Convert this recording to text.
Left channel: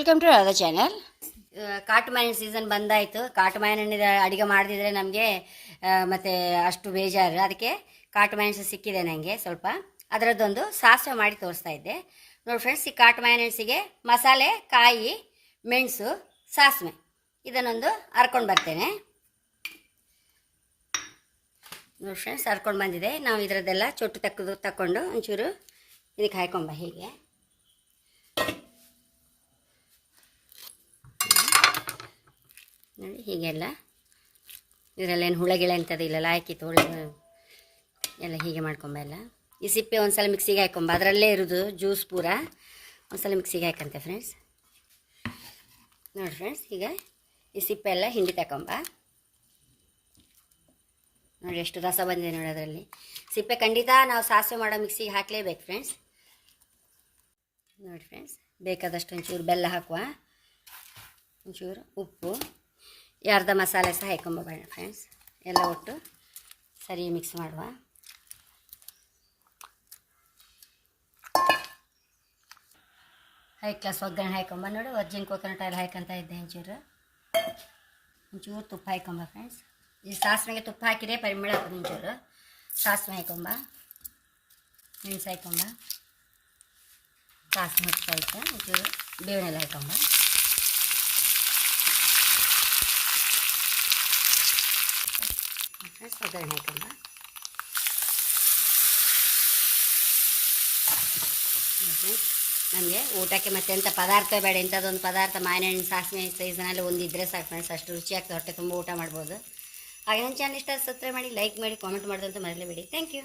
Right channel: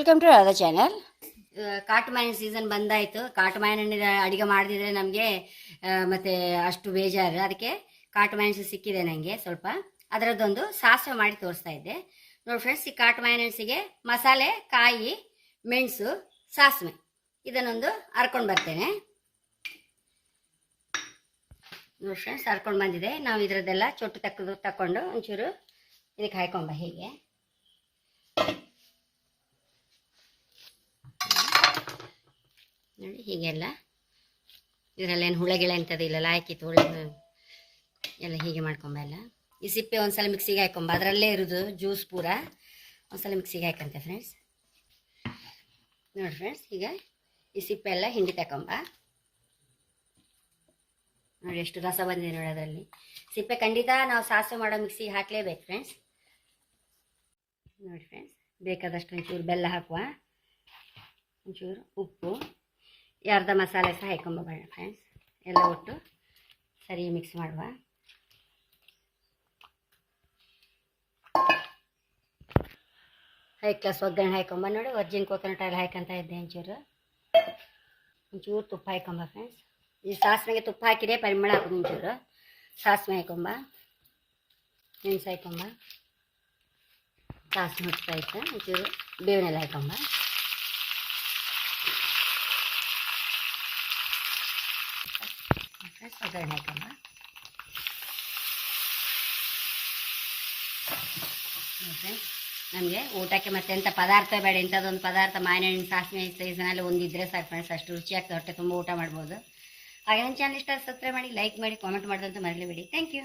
Welcome to other channel ಕಾಟು ಮಾವಿನ season ಬಂದಾಯಿತು. ಕಾಟು ಮಾವಿನ ಹಣ್ಣಿನ ಅಡಿಗೆ ಮಾಡದಿದ್ರೆ ನಮಗೆ ಮತ್ತೆ ಅಷ್ಟು ಬೇಜಾರು. ಅದಕ್ಕೆ ಕಾಟು ಮಾವಿನ ಸಿಕ್ಕಿದೆ ನನಗೆ ಸ್ವಲ್ಪ. ಅದರದ್ದೊಂದು ಸಾಸಿವೆ ಮಾಡಿ ತೋರಿಸ್ತಾ ಇದ್ದೆ. ನೋಡಿ ಫ್ರೆಂಡ್ಸ್ ಈ ಕಾಟು ಮಾವಿನ ಹಣ್ಸಿಗೆ ಮಸಾಲೆ, ಕಾಯಿ, ಮೆಣಸು, ಸಾಸಿವೆ. ಇದನ್ನೊಂದು ಹರ್ಕೊಂಡು ಬರ್ತೇನೆ. ನೋಡಿ ಫ್ರೆಂಡ್ಸ್ ಹರ್ಕೊಂಡು ಬಂದಿದೆ. ನಾವು ಇದರದ್ದೆಲ್ಲ ಚೊಟ್ಟು ತಕ್ಕದು ತಕ್ಕೊಂಡು ಒಂಚೂರು ಇದಕ್ಕೆ ಹಾಕೊಂಬ ಹೀಗೆ. ನೋಡಿ ಹೀಗೆಲ್ಲ. ಇದರಲ್ಲಿ ಏನು ಹುಳಗಿಳ ಎಂಥದ್ದು ಇಲ್ಲಲ್ಲ ಹಾಕಿತ್ತು ಹುಳ ಎಲ್ಲ ಹೀಗೆ ಮಾಡ್ಕೊಂಬ ಎಲ್ಲ ಈ ಸಿಪ್ಪೆ ಒಂದ್ಸಲ ಮಿಕ್ಸಿಗೆ ಹಾಕೊಂಬ, ಅದರಲ್ಲೇ ಇರೋದು ಜ್ಯೂಸ್ ಪೂರ. ಒಂದ್ಸಲ ಮಿಕ್ಸಿಗೆ ಹಾಕಂತೆ ಫ್ರೆಂಡ್ಸ್ ನೋಡಿ ಫ್ರೆಂಡ್ಸ್ ಈಗ ಈ ಸಿಪ್ಪೆ ಎಲ್ಲ ಹಿಂಡಿ ತಕೊಂಬ. ನೋಡಿ ಎಷ್ಟು ರಸ ಬಂದಿದೆ ನೋಡಿ ಅದರಲ್ಲಿ. ಸಿಪ್ಪೆ ಖಂಡಿತ ನಾವು ಸಾಸಿವೆ ಮಾಡೋ ಮಿಕ್ಸಿಗೆ ಹಾಕಲೇಬೇಕು ಫ್ರೆಂಡ್ಸ್ ನೋಡಿ ಫ್ರೆಂಡ್ಸ್ ಬೇಕಾದಷ್ಟು ಒಂಚೂರು ಬೆಲ್ಲ ಹಾಕುವ. ಒಂಚೂರು ಉಪ್ಪು. ಈ ಅರ್ಧ ಮಸಾಲೆ ಸಹ ಹಾಕೊಂಬೋಣ ಫ್ರೆಂಡ್ಸ್ ಎಲ್ಲ ಒಟ್ಟು ಸರಿ ಮಿಕ್ಸ್ ಮಾಡುವ. ಹೈ ಕ್ಲಾಸ್ ಒಗ್ಗರಣೆ ಹಾಕೊಂಬ ನೋಡಿ. ವರ್ಜಿನ್ ಕೋಕೋನಟ್ ಆಯಿಲ್ ಹಾಕಂತ ಇದ್ದೆ ಒಂಚೂರು ಒಂಚೂರು ತುಪ್ಪ ಹಾಕೊಂಬ ಫ್ರೆಂಡ್ಸ್ ಈ ಸಾಸಿವೆಗೆ ತುಪ್ಪ ಹಾಕಿದ್ರೆ ಪರಿಮಳ ಹಾಕೋದು ಒಂಚೂರು ಸಾಸಿವೆ ಹಾಕೊಂಬ ಮೆಣಸು ಹಾಕೊಂಬ ಸಾಸಿವೆ ಹೊತ್ತಾಯ್ತು ಒಂಚೂರು ಬೇವಿನೆಲ್ಲ ಹಾಕೊಂಬ ಹಾಕೊಂಬ ಫ್ರೆಂಡ್ಸ್ ನಮಗೆ ಊಟಕ್ಕೆ ಮತ್ತೆ ಎಂಥ ಪದಾರ್ಥ ಬೇಡ, ಇಂಥದ್ದೊಂದು ಪದಾರ್ಥ ಮಾವಿನ ಹಣ್ಣು ಸಾಸಿವೆ ಸೀಸನಲ್ಲಿ ಒಂದಿದ್ರೆ ಸಾಕು ಫ್ರೆಂಡ್ಸ್ ಅಷ್ಟು ರುಚಿಯಾಗಿ ಹೊಟ್ಟೆ ತುಂಬ ಊಟ ಮಾಡ್ಬೋದು. ಹಾಗೆ ನನ್ನ ಚಾನಲ್ ಇಷ್ಟ ಸಬ್ಸ್ಕ್ರೈಬ್ ಮಾಡಿ ಲೈಕ್ ಮಾಡಿ ಕಾಮೆಂಟ್ ಮಾಡೋದಂತ ಮರಲೇಬೇಡಿ ಥ್ಯಾಂಕ್ ಯು